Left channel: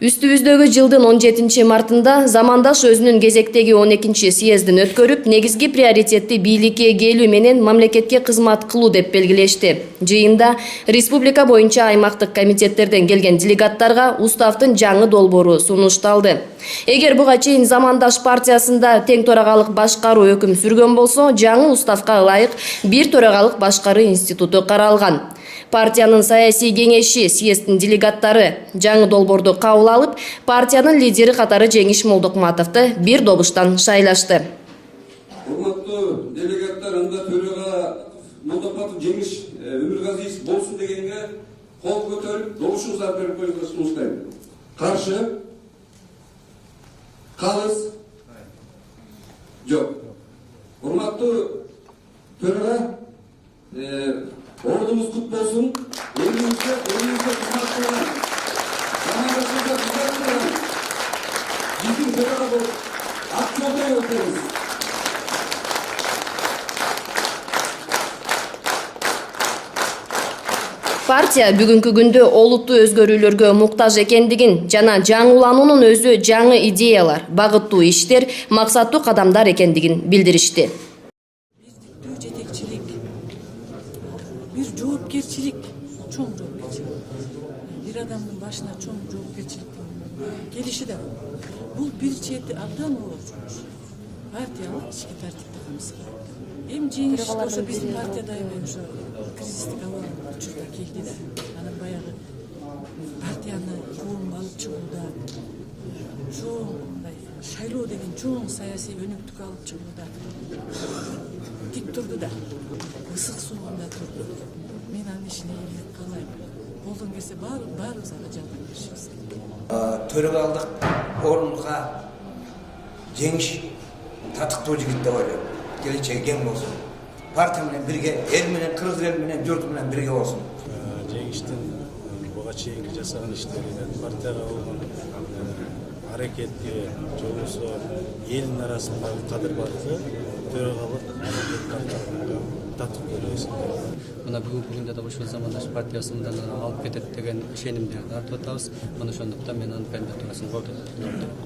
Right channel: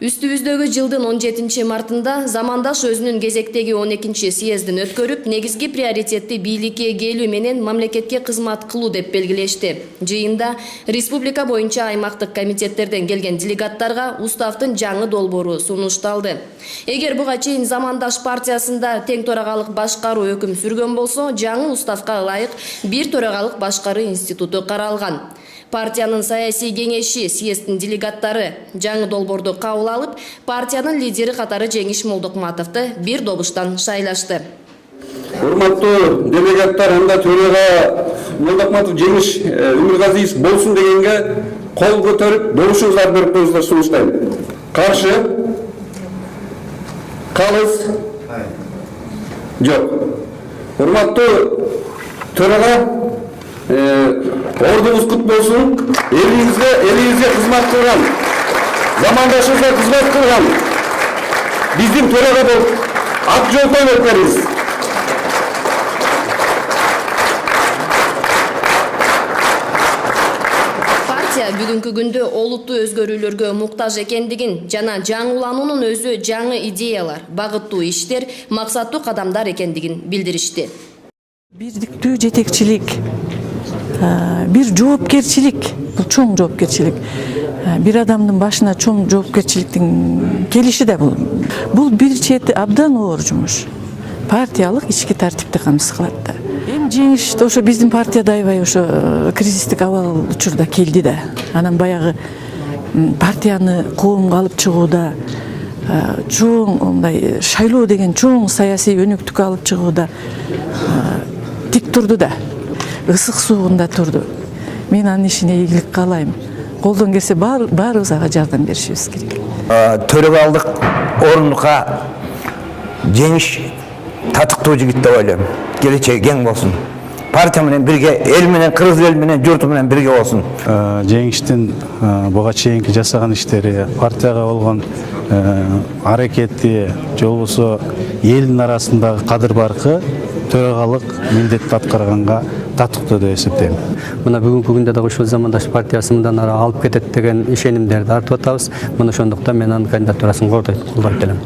Үстүбүздөгү жылдын 17 мартында замандаш өзүнүн кезектеги 12 съездин өткөрүп, негизги приоритетти бийликке келүү менен мамлекетке кызмат кылуу деп белгилешти. Жыйында республика боюнча аймактык комитеттерден келген делегаттарга уставдын жаңы долбоору сунушталды. Эгер буга чейин замандаш партиясында тең төрагалык башкаруу өкүм сүргөн болсо, жаңы уставга ылайык бир төрагалык башкаруу институту каралган. Партиянын саясий кеңеши съездин делегаттары жаңы долбоорду кабыл алып, партиянын лидери катары Жеңиш Молдокматовду бир добуштан шайлашты. Урматтуу делегаттар, анда төрага Молдокматов Жеңиш Өмүргазиевич болсун дегенге кол көтөрүп, добушуңуздар берип коюңуздар, сунуштайм. Каршы? Калыс? Жок. Урматтуу төрага, ордуңуз кут болсун. Элибизге кызмат кылган, замандашыбызга кызмат кылган биздин төрага болуп ат жолтой өткөрүбүз. Партия бүгүнкү күндө олуттуу өзгөрүүлөргө муктаж экендигин жана жаңылануунун өзү жаңы идеялар, багыттуу иштер, максаттуу кадамдар экендигин билдиришти. Бирдиктүү жетекчилик, бир жоопкерчилик, бул чоң жоопкерчилик. Бир адамдын башына чоң жоопкерчиликтин келиши да бул. Бул бир чети абдан оор жумуш. Партиялык ички тартипти камсыз кылат да. Эми Жеңиш ошо биздин партияда аябай ошо кризистик абал учурда келди да. Анан баягы партияны коомго алып чыгууда, чоң мындай шайлоо деген чоң саясий өнүктүккө алып чыгууда тик турду да. Ысык суугунда турду. Мен анын ишине ийгилик каалайм. Колдон келсе баарыбыз ага жардам беришибиз керек. Төрагалдык орунга Жеңиш татыктуу жигит деп ойлойм. Келечеги кең болсун. Партия менен бирге, эл менен, кыргыз эл менен, журту менен бирге болсун. Жеңиштин буга чейинки жасаган иштери, партияга болгон аракети, жолбосо элдин арасындагы кадыр баркы төрагалык милдетти аткарганга татыктуу деп эсептейм. Мына бүгүнкү күндө да ушул замандаш партиясы мындан ары алып кетет деген ишенимдерди артып атабыз. Мына ошондуктан мен анын кандидатурасын колдойт элем.